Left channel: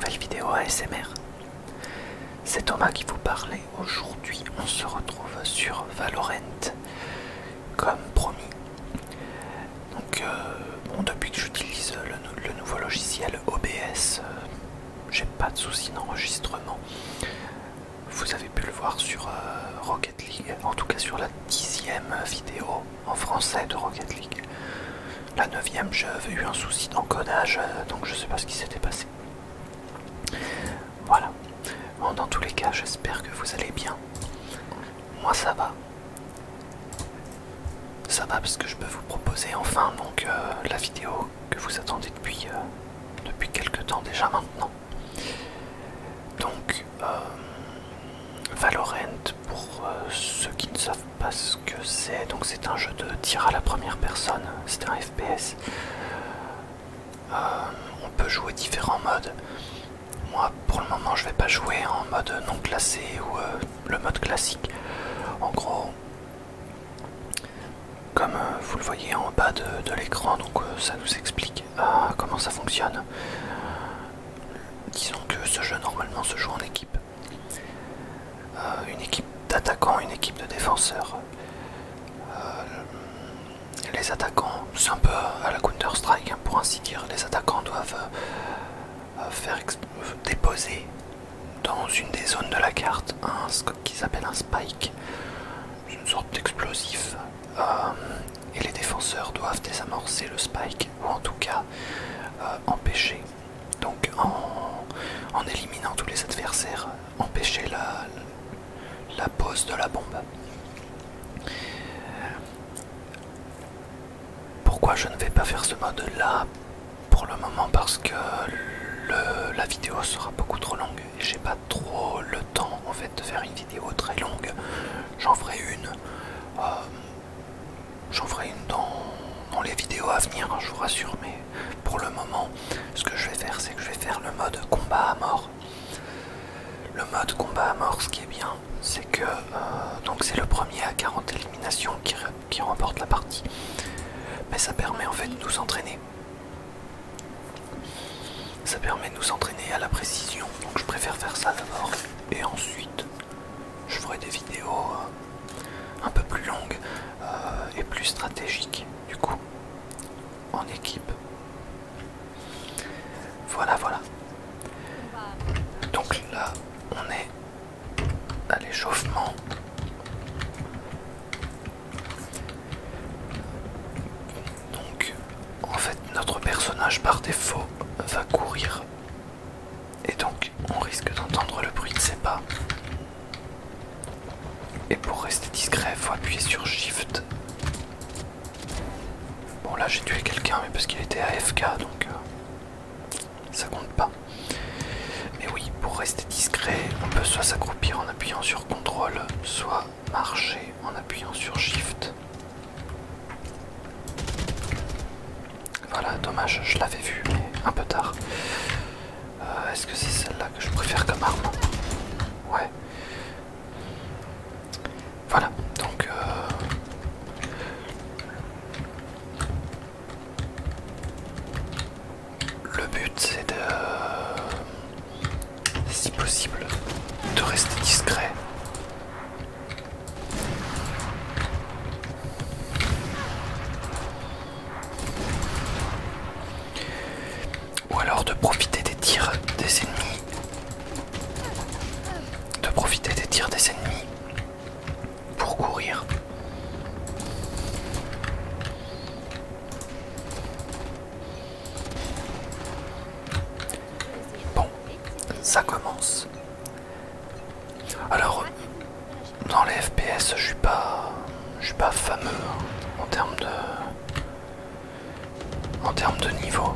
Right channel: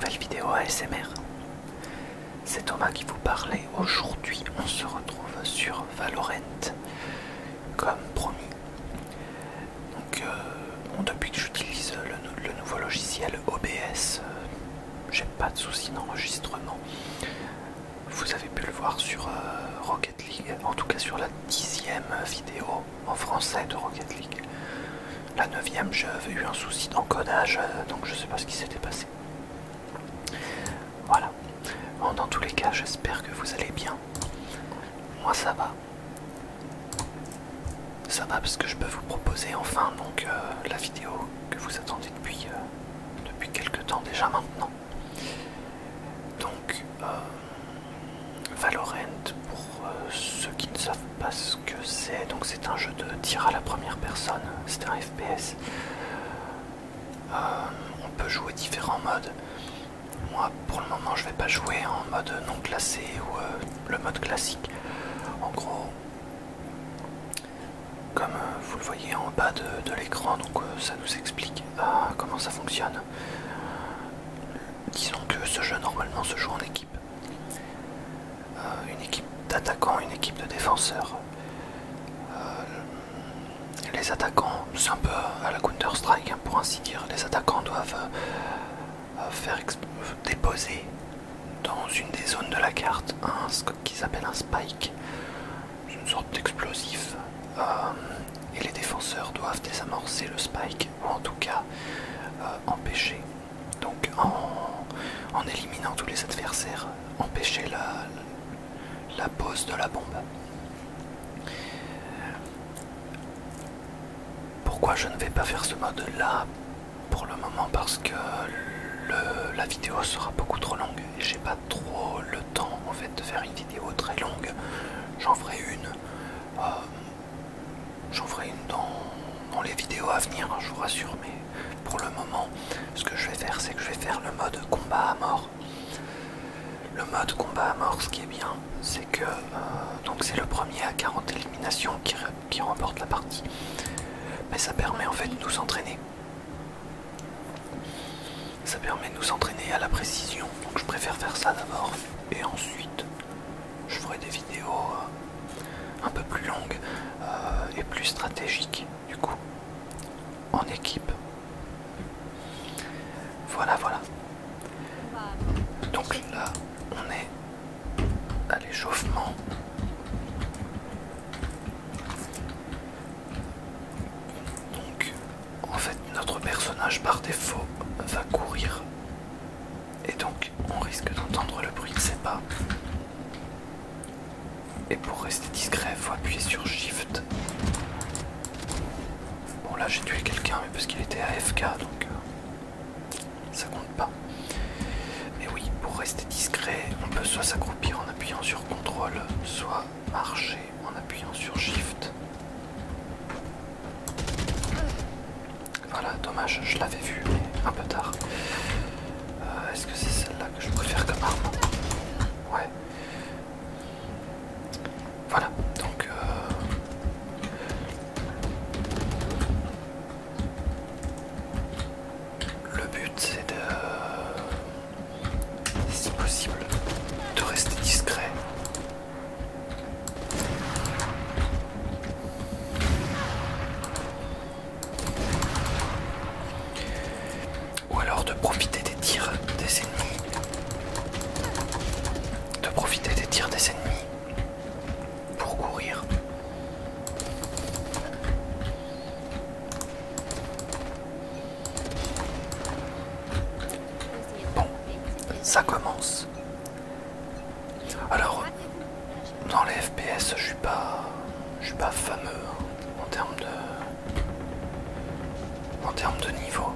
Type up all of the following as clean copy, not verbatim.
nouvelle vidéo ASMR. C'est Thomas qui vous parlait. Aujourd'hui, on se retrouve sur Valorant, comme promis. Donc, depuis que j'utilise le nouveau logiciel OBS, j'ai pas de soucis d'enregistrement. Vous avez pu le voir sur Rocket League, en tout cas sur la 10e vidéo en français de Rocket League. La 9e, j'avais eu un souci d'encodage, donc je sais pas ce qui s'était passé. Voilà. Bon, dans tous les cas, j'espère que vous allez bien. Moi, ça va. Ça va parce que je peux vous proposer enfin donc la vidéo que vous attendez depuis quelques temps déjà maintenant. Donc, Valorant, pour ceux qui ne savent pas ce que c'est, donc c'est un jeu de tir à la première personne, c'est un FPS. On peut jouer différents modes. Moi, pour le moment, je vais pas jouer en mode non classé ou le mode classique. En gros, comme vous le voyez en bas de l'écran, donc ça nous explique comment ça fonctionne. Disons que ce jeu normalement se joue en équipe. Une équipe d'attaquants, une équipe de défenseurs. Les attaquants, c'est un peu à la Counter-Strike, hein, pour ainsi dire. Les attaquants doivent déposer dans une des zones de la carte ce qui s'appelle un spike, une sorte d'explosif. Et les défenseurs doivent désamorcer le spike, ou en tout cas empêcher, donc en éliminant tous les adversaires, empêcher la pose de la bombe. Pourquoi je ne vais pas faire ce mode là pour le moment? Parce que la vidéo sera beaucoup trop longue et j'ai pas trop le temps en fait de faire une vidéo très longue. J'en ferai une dans les vidéos à venir, hein, je vous rassure, mais pour le moment ce que je vais faire, c'est que je vais faire le mode combat à mort. Le mode combat à mort, ce qui est bien, c'est que donc c'est le premier à 40 éliminations qui remporte la partie. Mais ça permet en fait de nous entraîner. Ça permet de nous entraîner à la précision. Donc je préfère faire ça d'abord. Et ensuite, je ferai des vidéos un peu plus longues et plus stratégiques, du coup, en équipe. Voilà, voilà. Donc là, on est à l'échauffement. Donc, en fait, notre personnage par défaut va courir. Et donc, on risque d'entendre le bruit de ses pas. Et pour rester discret, il faut appuyer sur Shift. Bon, là, j'ai tué quelqu'un, mais parce qu'il était AFK, donc ça compte pas. Mais oui, pour rester discret, on peut soit s'accroupir en appuyant sur CTRL, soit marcher en appuyant sur Shift. Voilà, dommage, je l'avais vu, mais un peu tard. Est-ce que c'est celle-là que je préfère comme arme? Ouais. Voilà, donc le but c'est de, si possible, de rester discret. Ou alors de profiter des tirs des ennemis. De profiter des tirs des ennemis pour courir. Bon, ça commence. Alors, dans les FPS, je suis pas fameux hein, en termes de niveau.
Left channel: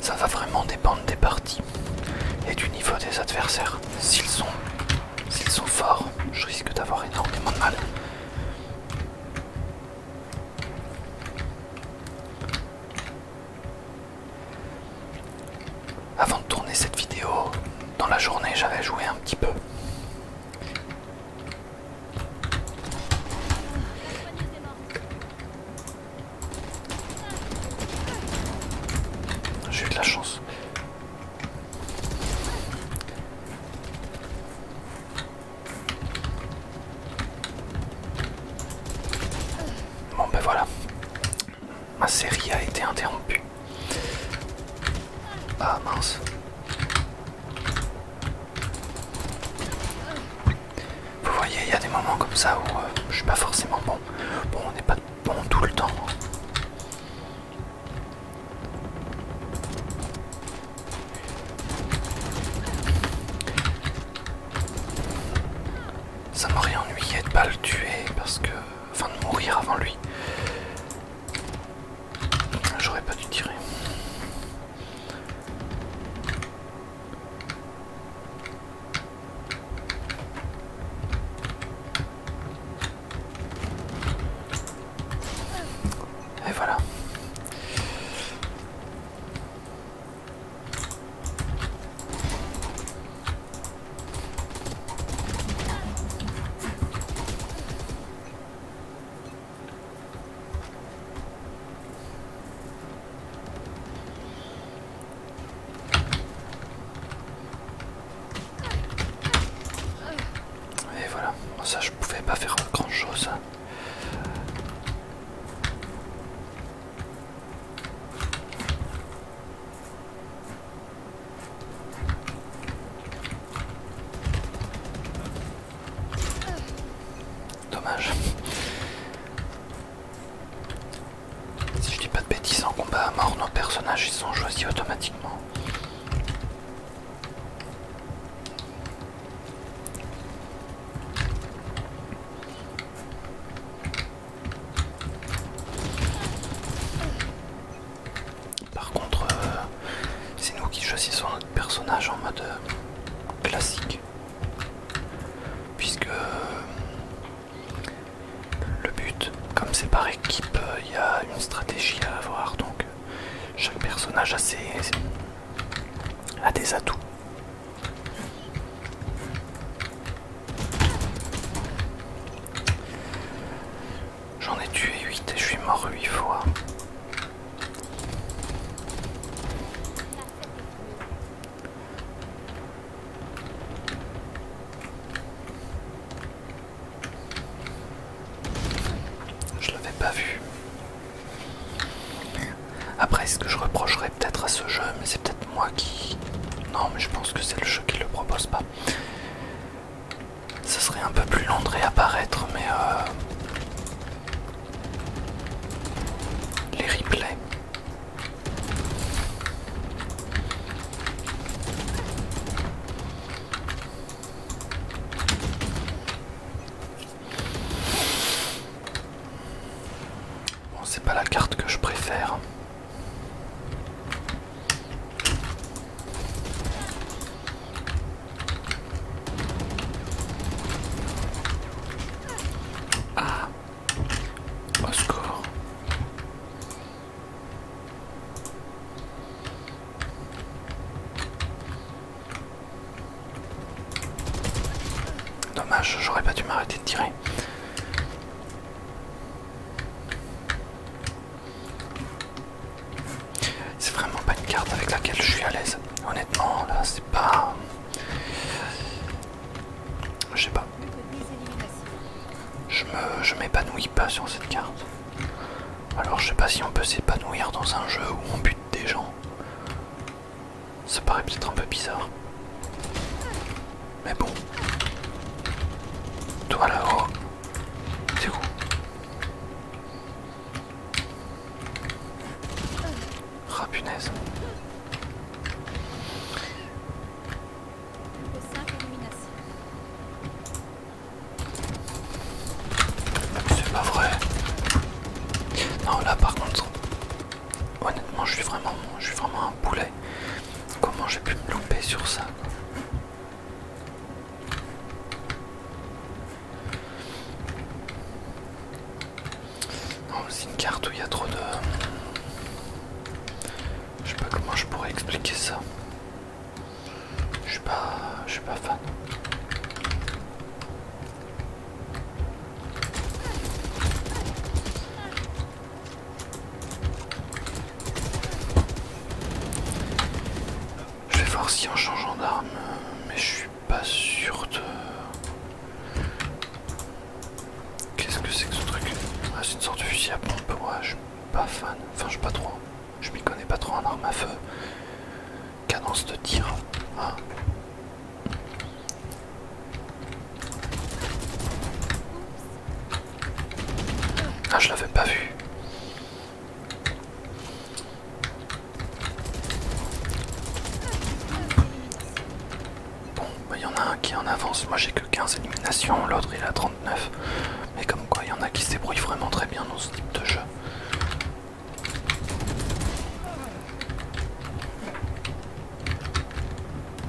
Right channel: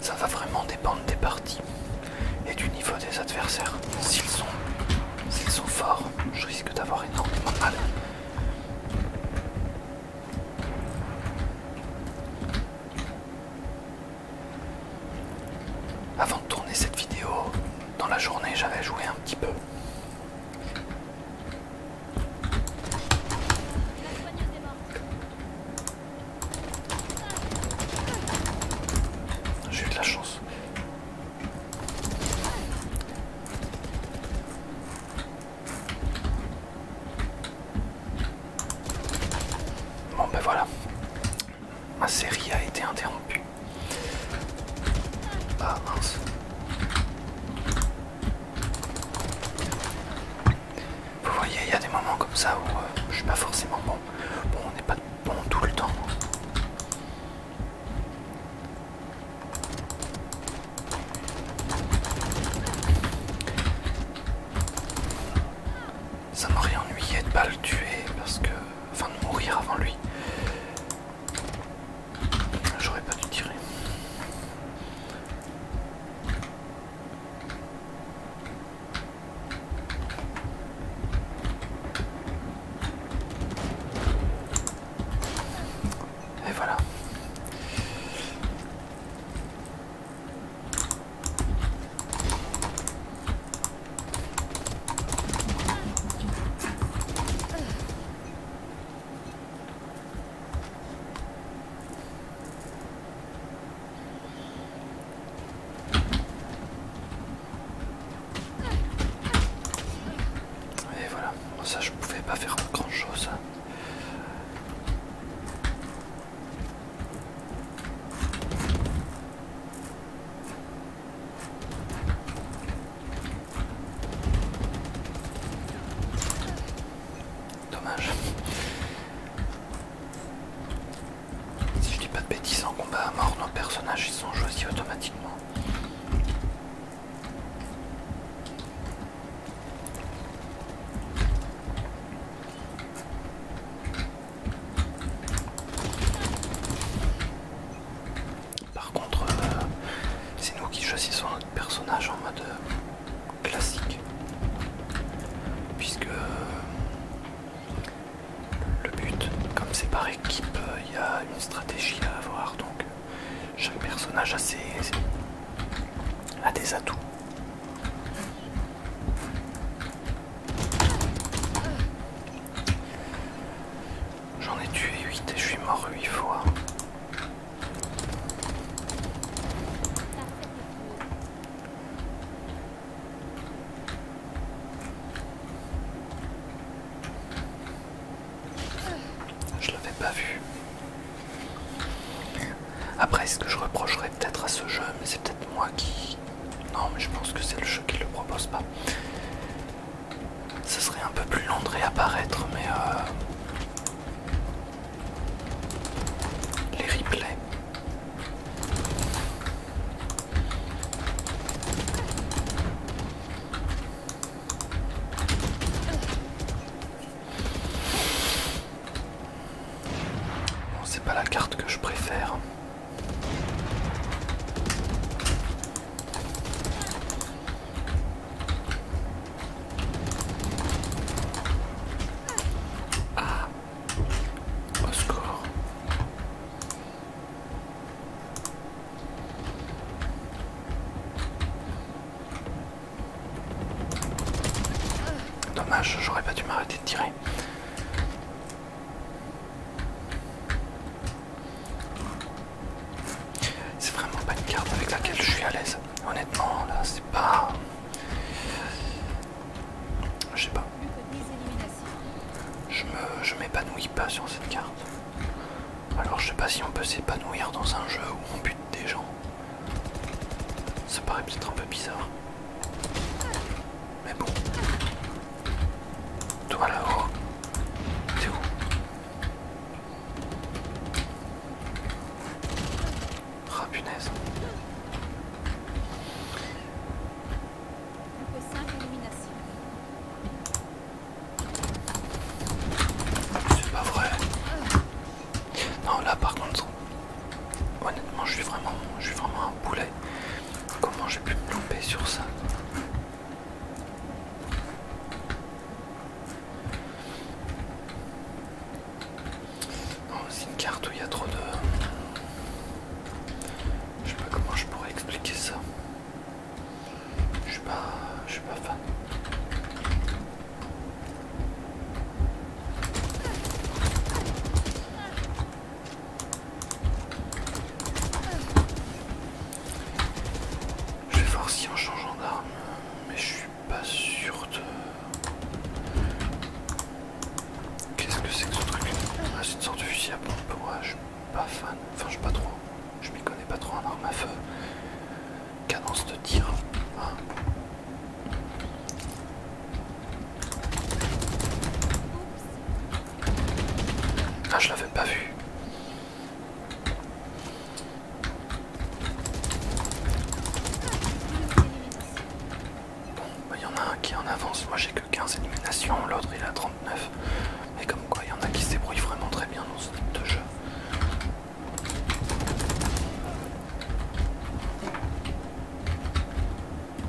Ça va vraiment dépendre des parties et du niveau des adversaires. S'ils sont forts, je risque d'avoir énormément de mal. Avant de tourner cette vidéo, dans la journée, j'avais joué un petit peu. voilà, ma série a été interrompue. Ah mince. Vous voyez, il y a des moments comme ça où je suis pas forcément bon. Bon, on n'est pas bon tout le temps. Ça m'aurait ennuyé de pas le tuer parce que... Enfin, de mourir avant lui. J'aurais pas dû tirer. Et voilà. Et voilà. Ça, je pouvais pas faire grand chose. Dommage. Si je dis pas de bêtises, en combat à mort, nos personnages ils sont choisis automatiquement. Par contre, c'est nous qui choisissons notre personnage en mode classique. Puisque le but, comme c'est par équipe, il y a une stratégie à avoir, donc chaque personnage a des atouts. J'en ai tué 8 et je suis mort 8 fois. Je l'avais pas vu. Après, ce que je reprocherais peut-être à ce jeu, mais c'est peut-être moi qui... Non, mais je pense que c'est le jeu qui le propose pas. Ce serait un peu plus long de réapparaître, mais les replays. Bon, c'est pas la carte que je préfère. Ah, au secours. Dommage, j'aurais pas dû m'arrêter de tirer. C'est vraiment pas une carte avec laquelle je suis à l'aise. Honnêtement, là, c'est pas... Je sais pas. Je m'épanouis pas sur cette carte. Alors je sais pas si on peut s'épanouir dans un jeu où on bute des gens. Ça paraît peut-être un peu bizarre. Mais bon. Toi là-haut. T'es où? Ah punaise. C'est pas vrai. Non là par contre, honnêtement je suis vraiment un poulet. Comment j'ai pu me louper sur ça? Non, c'est une carte où il y a trop de... Je sais pas comment je pourrais expliquer ça. Je suis pas fan. Je vais voir si en changeant d'arme, mais je suis pas sûr de... Qu'est-ce que c'est que ce truc? Ah, c'est une sorte de fusil à pompe. pas fan. Enfin, je sais pas trop. Je m'y connais pas trop en arme à feu. Cadence de tir. Ah. Ah, je l'avais pas vu. Bon, bah, y en a un qui en avance. Moi j'ai que 15 éliminations, l'autre il a 39. Mais comme quoi, il y en a qui se débrouillent vraiment très bien dans ce type de jeu.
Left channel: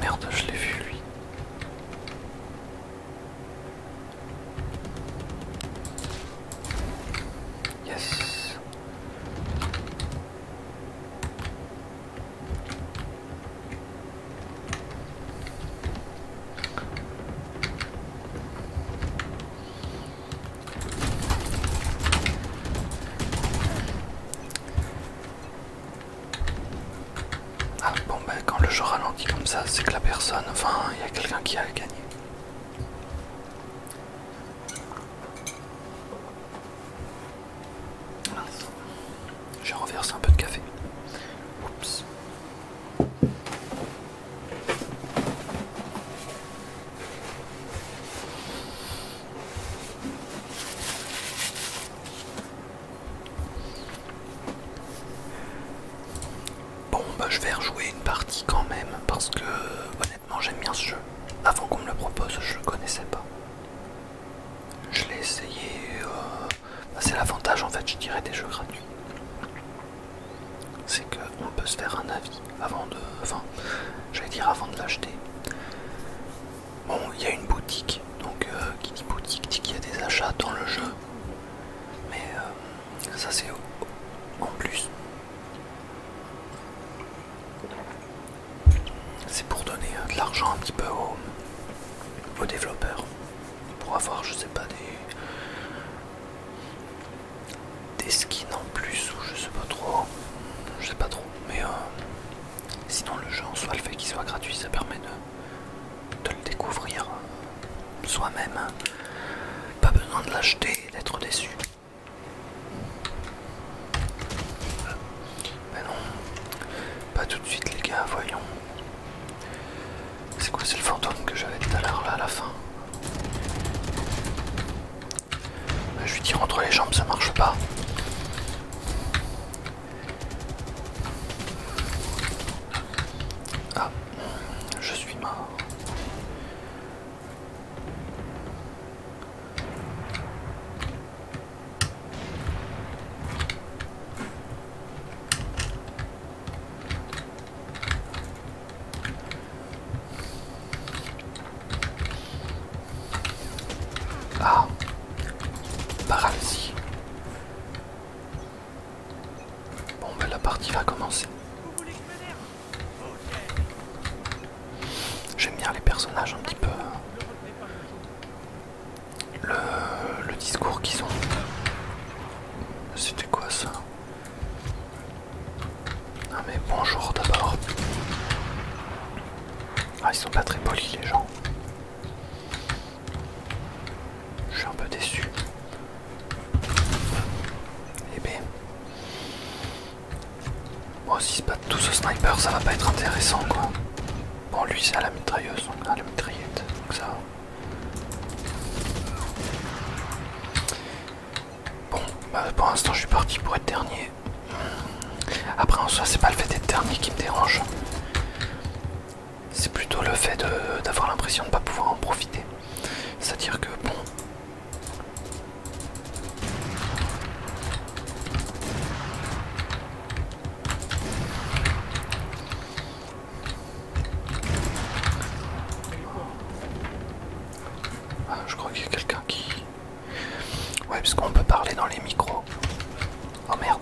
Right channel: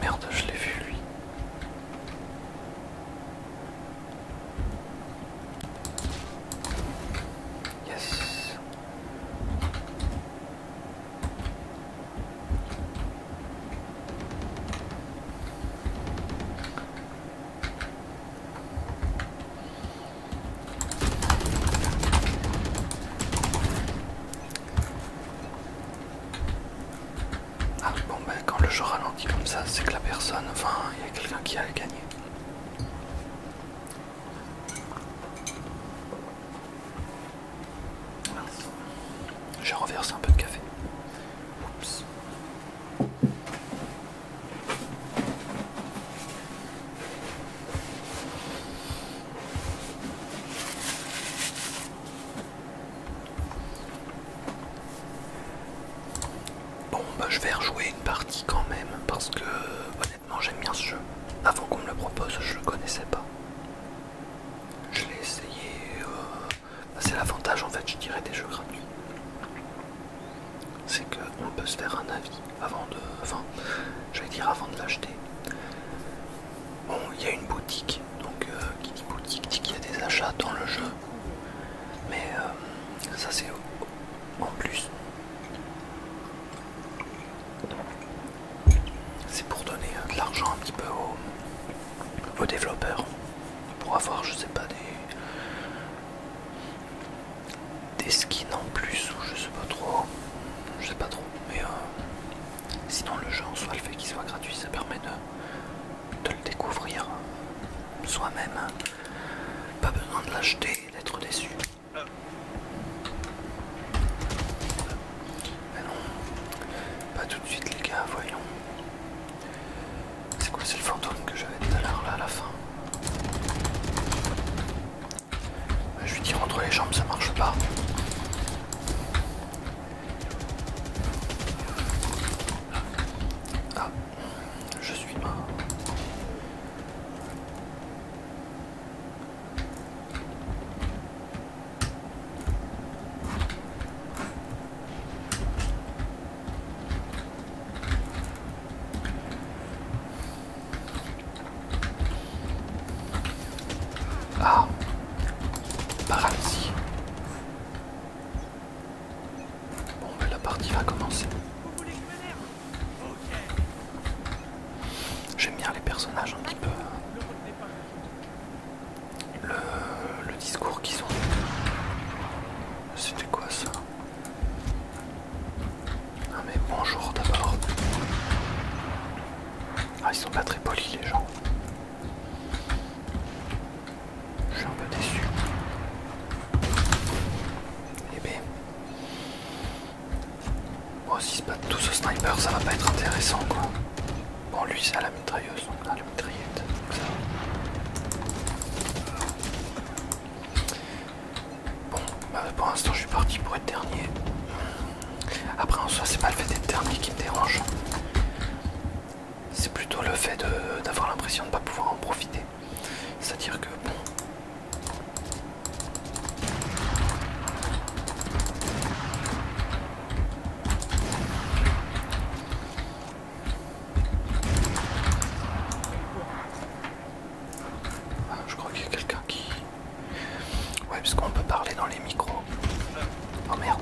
Merde, je l'ai vu lui. Yes. Ah bon, bah quand le jeu ralentit comme ça, c'est que la personne, enfin, il y a quelqu'un qui a gagné. Mince. J'ai renversé un peu de café. Oups. Bon, bah je vais rejouer une partie quand même parce que honnêtement j'aime bien ce jeu. Avant qu'on me le propose, je le connaissais pas. Je l'ai essayé. Bah, c'est l'avantage en fait, je dirais, des jeux gratuits. C'est qu'on peut se faire un avis avant de. Enfin, j'allais dire avant de l'acheter. Bon, il y a une boutique, donc qui dit boutique dit qu'il y a des achats dans le jeu. Mais ça c'est en plus. C'est pour donner de l'argent un petit peu aux développeurs. Pour avoir, je sais pas, des skins en plus ou je sais pas trop. Je sais pas trop. Mais sinon le jeu en soi, le fait qu'il soit gratuit, ça permet de le découvrir soi-même. Pas besoin de l'acheter et d'être déçu. Mais non, pas tout de suite les gars, voyons. C'est quoi, c'est le fantôme que j'avais tout à l'heure là à la fin. Je lui tire entre les jambes, ça marche pas. Ah, je suis mort. Ah, paralysie. Bon, ben la partie va commencer. J'aime bien les personnages un petit peu. Le discours qu'ils ont. C'était quoi ça? Ah mais bonjour d'abord. Ah, ils sont pas très polis les gens. Je suis un peu déçu. Eh ben. Bon, si se battent tous au sniper, ça va pas être intéressant quoi. Bon, lui c'est à la mitrailleuse, donc à la mitraillette, donc ça va. Bon, bah pour l'instant je suis parti pour être dernier. Après en soi c'est pas le fait d'être dernier qui me dérange. C'est plutôt le fait d'avoir l'impression de ne pas pouvoir en profiter. C'est-à-dire que bon... Ah, je crois qu'il y a quelqu'un qui... Ouais, parce qu'on peut parler dans les micros. Oh merde.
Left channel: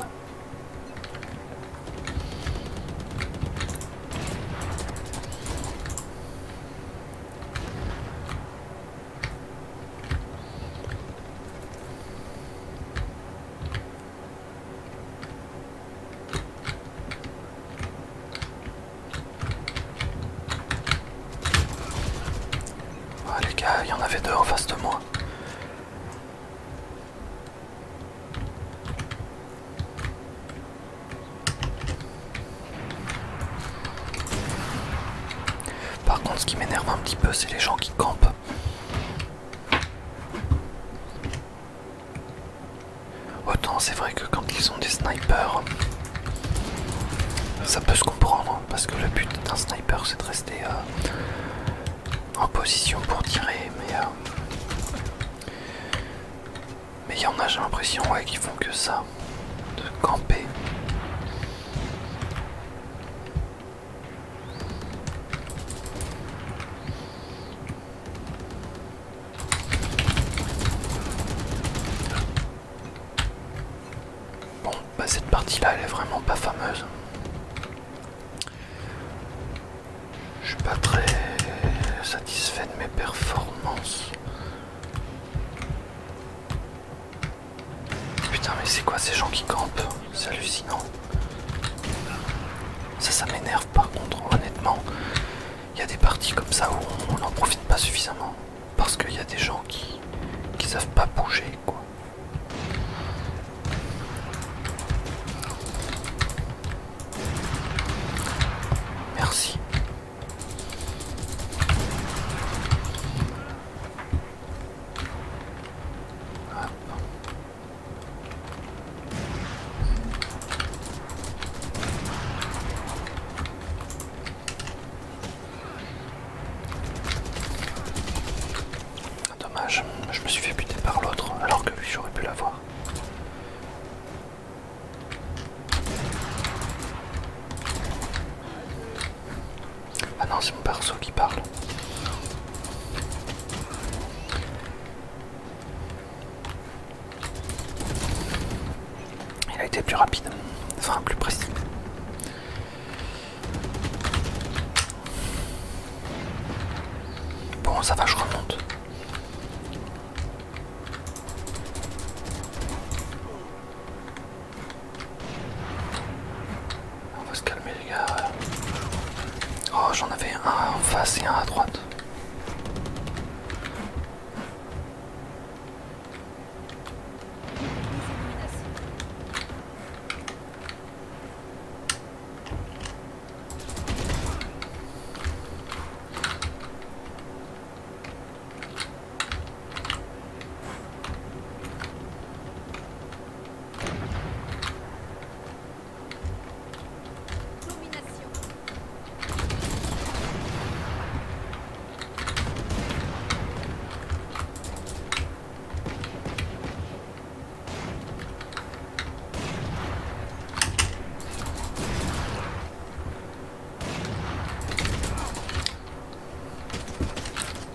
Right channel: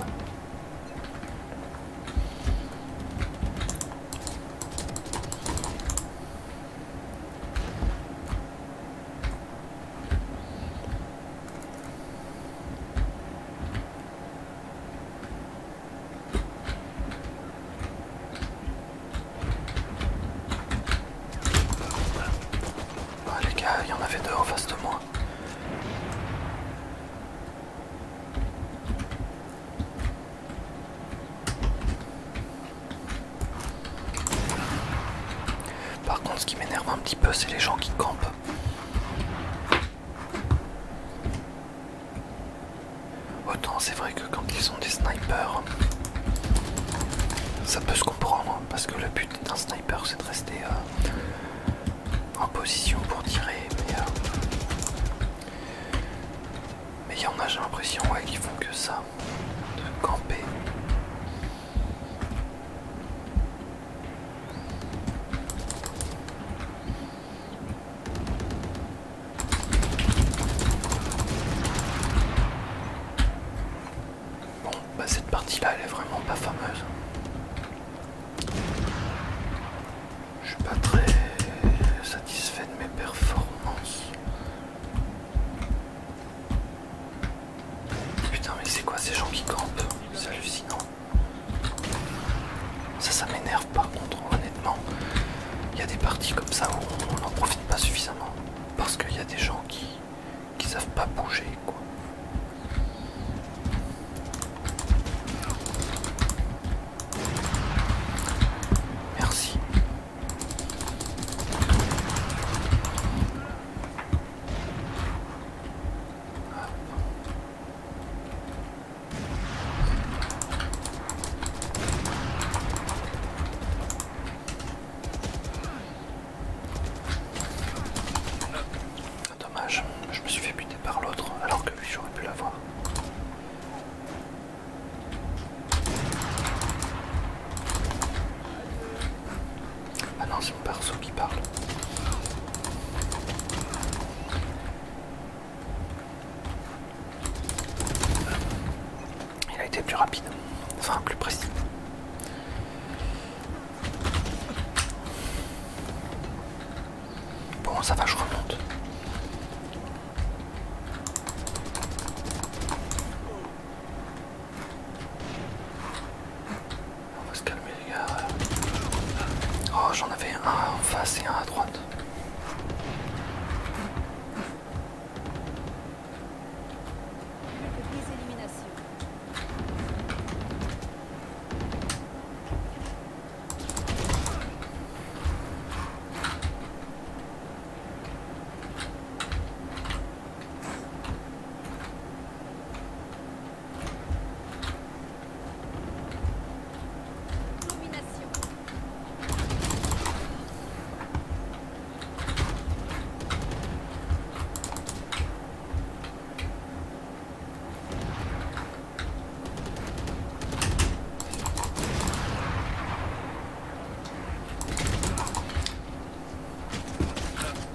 Ah, les gars, il y en avait deux en face de moi. petit peu, c'est les gens qui campent. Autant c'est vrai que quand ils ont des snipers, ça peut se comprendre, parce que le but d'un sniper c'est de rester en position pour tirer, mais il y en a, j'ai l'impression, ouais, qui font que ça, de camper. Bon, bah cette partie-là, elle est vraiment pas fameuse. Je suis pas très satisfait de mes performances. Putain, mais c'est quoi ces gens qui campent? C'est hallucinant. Ça m'énerve par contre, honnêtement. Il y a des parties comme ça où on n'en profite pas suffisamment. Parce qu'il y a des gens qui savent pas bouger, quoi. Merci. Dommage, je me suis fait buter par l'autre alors que lui j'aurais pu l'avoir. Ah non, c'est mon perso qui parle. Il a été plus rapide, enfin plus précis. Bon, ça va, je remonte. On va se calmer les gars. Oh, j'en avais un en face et un à droite.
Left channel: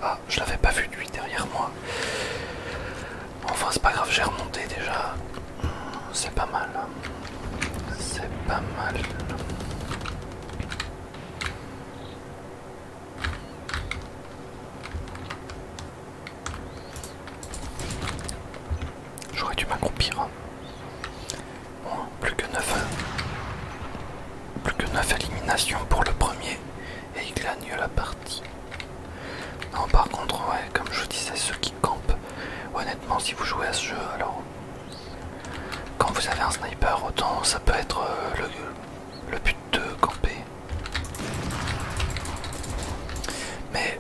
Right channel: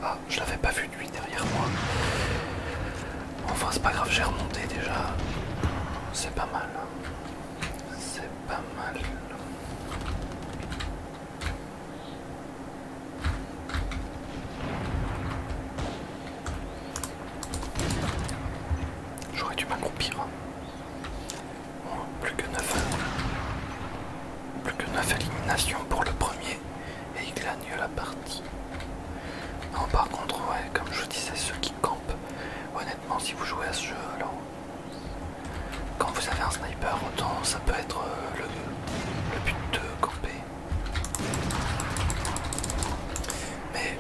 Ah, je l'avais pas vu lui derrière moi. Enfin, c'est pas grave, j'ai remonté déjà. C'est pas mal. C'est pas mal. J'aurais dû m'accroupir. Bon, plus que 9 éliminations pour le premier et il gagne la partie. Non, par contre, ouais, comme je disais, ceux qui campent, honnêtement, si vous jouez à ce jeu, alors quand vous avez un sniper, autant ça peut être le but de camper. Mais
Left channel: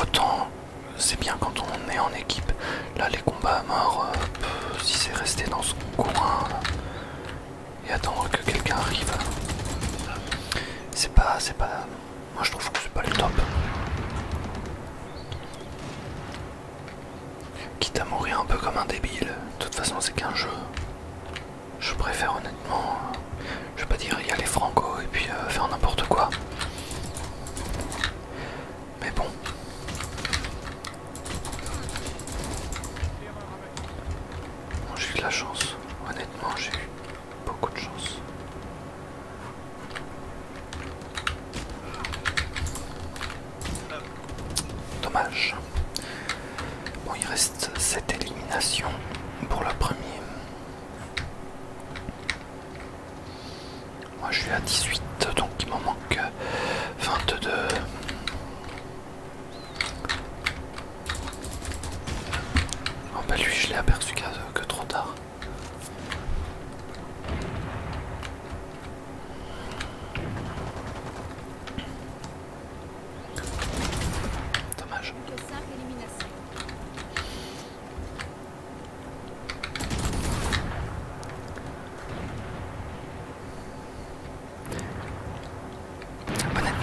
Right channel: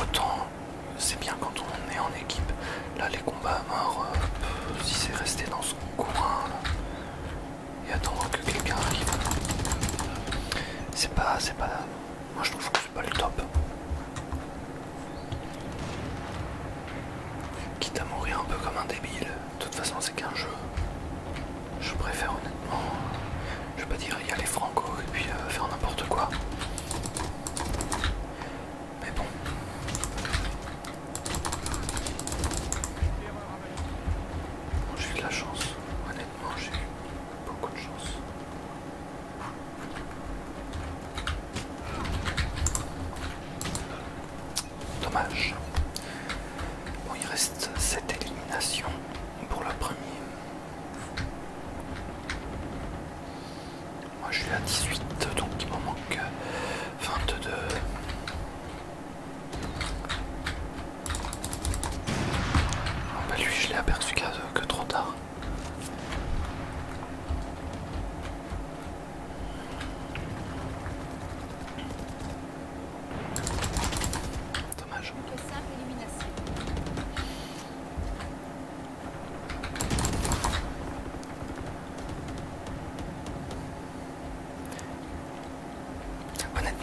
autant c'est bien quand on est en équipe. Là, les combats à mort, si c'est resté dans son coin et attendre que quelqu'un arrive, c'est pas. Moi, je trouve que c'est pas le top. Quitte à mourir un peu comme un débile, de toute façon, c'est qu'un jeu. Je préfère honnêtement, je vais pas dire y aller franco et puis faire n'importe quoi. Mais bon. J'ai eu de la chance, honnêtement j'ai eu beaucoup de chance. Dommage. Bon, il reste 7 éliminations pour le premier. Moi je suis à 18, donc il m'en manque 22. Oh bah lui je l'ai aperçu que trop tard.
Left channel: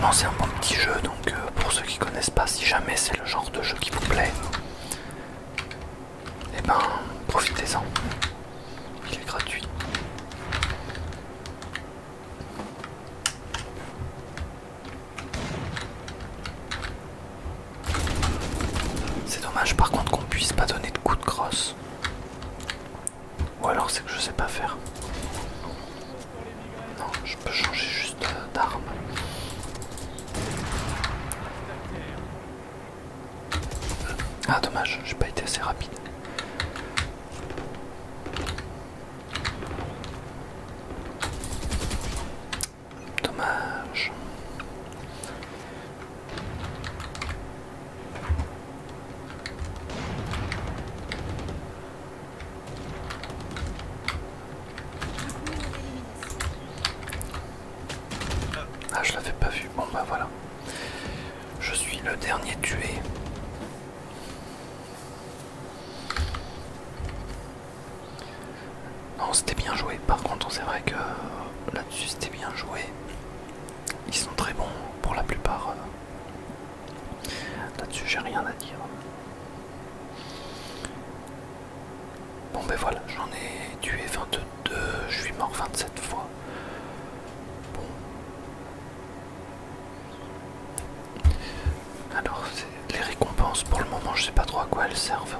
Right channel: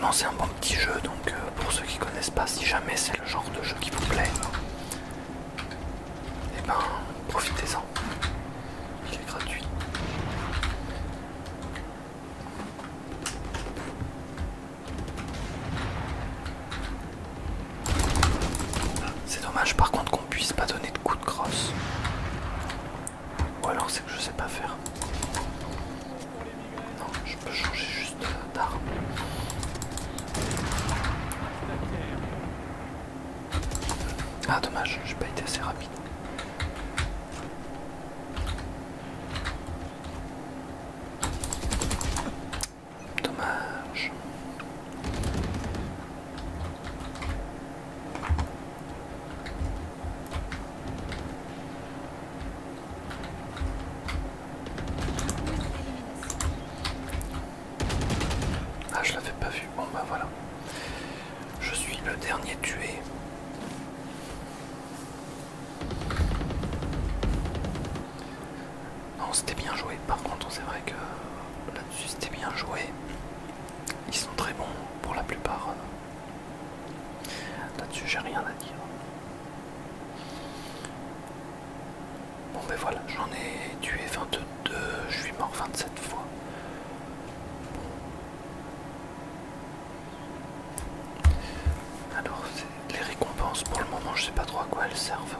honnêtement c'est un bon petit jeu, donc pour ceux qui connaissent pas, si jamais c'est le genre de jeu qui vous plaît, et ben profitez-en, il est gratuit. C'est dommage par contre qu'on puisse pas donner de coups de crosse. Ou alors c'est que je sais pas faire. Non, je peux changer juste d'arme. Ah dommage, j'ai pas été assez rapide. Dommage. Ah, je l'avais pas vu. Bon bah voilà. Je suis le dernier tué. Non, c'était bien joué. Par contre, c'est vrai que là-dessus, c'était bien joué. Ils sont très bons pour la plupart. Là-dessus, j'ai rien à dire. Bon ben voilà, j'en ai tué 22, je suis mort 27 fois. Bon. Alors, les récompenses, pour le moment, je sais pas trop à quoi elles servent.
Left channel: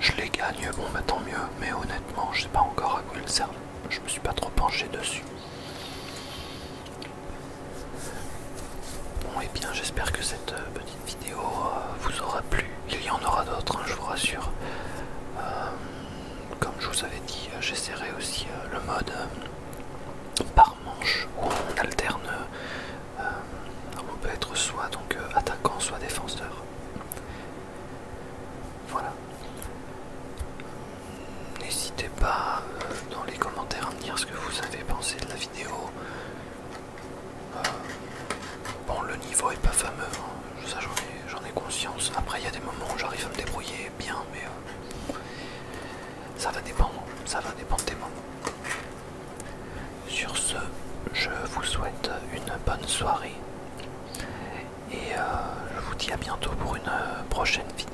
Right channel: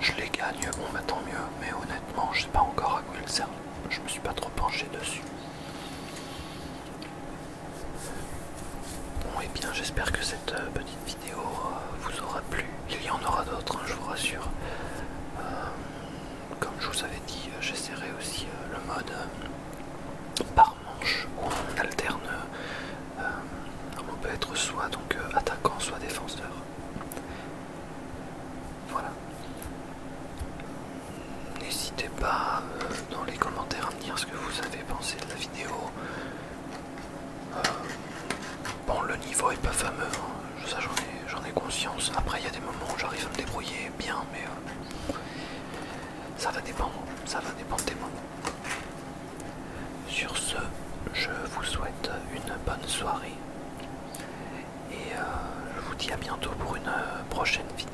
Je les gagne, bon bah tant mieux, mais honnêtement, je sais pas encore à quoi elles servent. Je me suis pas trop penché dessus. Bon, et bien, j'espère que cette petite vidéo vous aura plu. Il y en aura d'autres, hein, je vous rassure. Comme je vous avais dit, j'essaierai aussi le mode par manche où on alterne. On peut être soit donc attaquant, soit défenseur. Voilà. N'hésitez pas dans les commentaires à me dire ce que vous avez pensé de la vidéo. Bon, le niveau est pas fameux, hein. Ça j'en ai conscience. Après, il y a des moments où j'arrive à me débrouiller bien, mais ça va dépendre des moments. Sur ce, je vous souhaite une bonne soirée et je vous dis à bientôt pour une prochaine vidéo.